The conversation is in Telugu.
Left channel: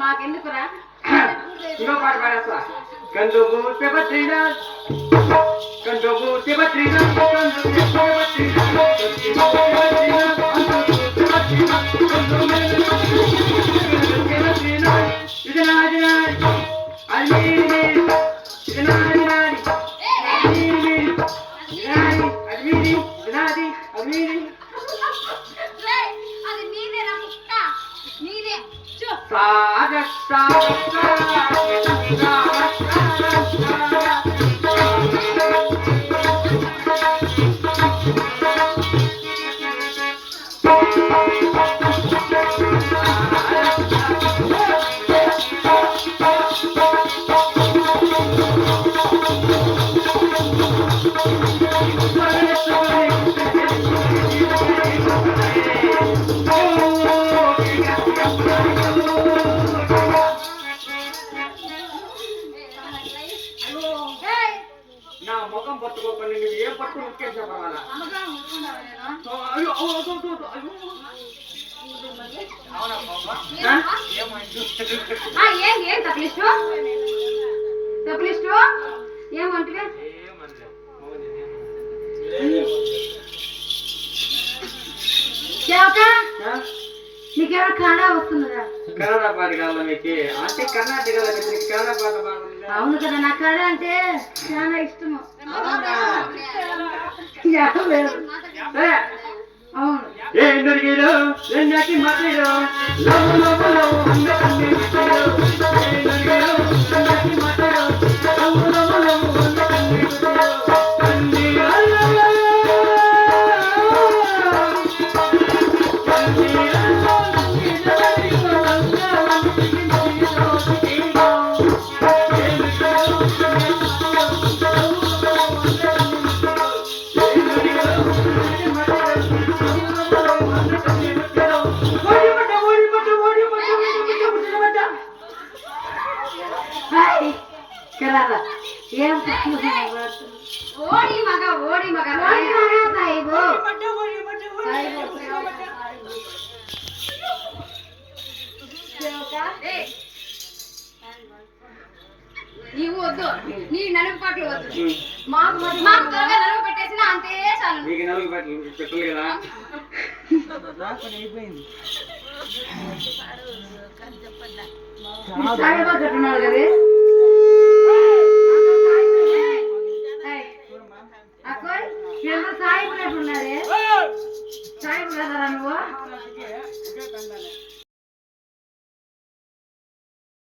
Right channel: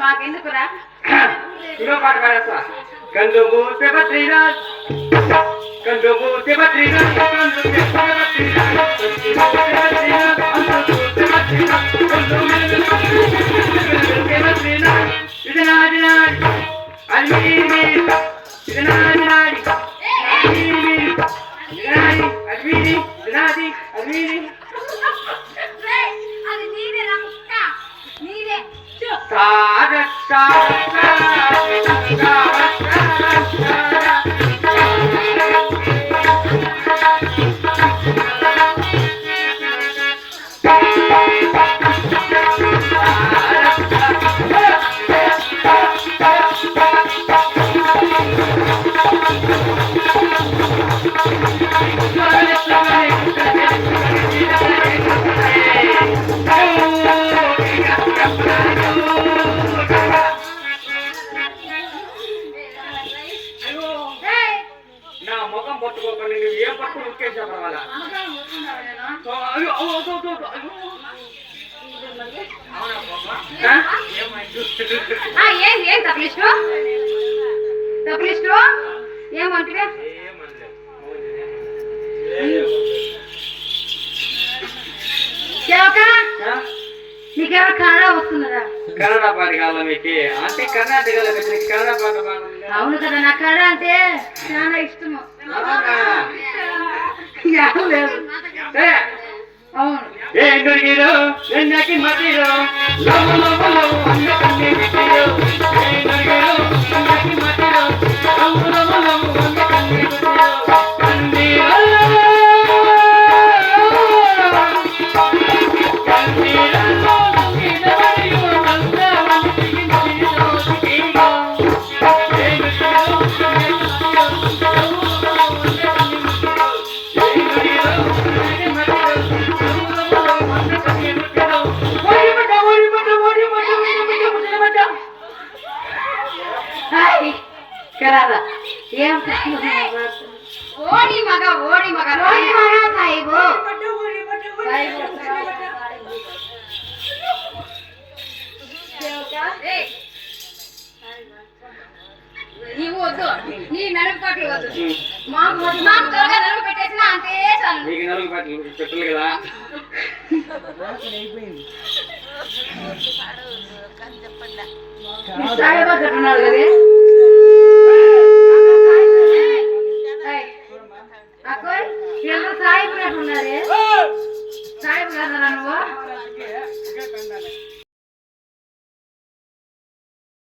మాకెందుకురా ఇంకో పాట పాడేస్తా కందుబూసె బద్రీనాథ్ కందుబూసె బద్రీనాథ్ ఇది నాది నాది అది మీది ఇది నాది నాది అది మీది ఇది నాది అది మీది ఏం తప్లిస్ట్ ఏమంటే నీకేమో కన్నడ వస్తుందా? కన్నడ పాట కావాలా మీకు? అంటే కర్ణాటకలో కన్నడ పాట అవును కదా, నాకు కన్నడ అంటే చాలా ఇష్టము. అవును ఏంగురిగిరో ఎందకి మతిరో లవ్ లవ్ లవ్ అందకన్ని విటిరో ఏంగురిగిరో ఎందకి మతిరో లవ్ లవ్ లవ్ అందకన్ని విటిరో కందిరో కందిరో నిదరియో నందవనికి నిదిరో సికిరో ఏంగురిగిరో ఓడి మగ నీవు వద్దు, నీ నలుగు పాటలు వద్దు, మాకు త్వరగా నలుగు పెట్టేసిన అంతే చాలు. మీకు నలుగు పాటలు పెట్టాలి కదా. చెప్పండి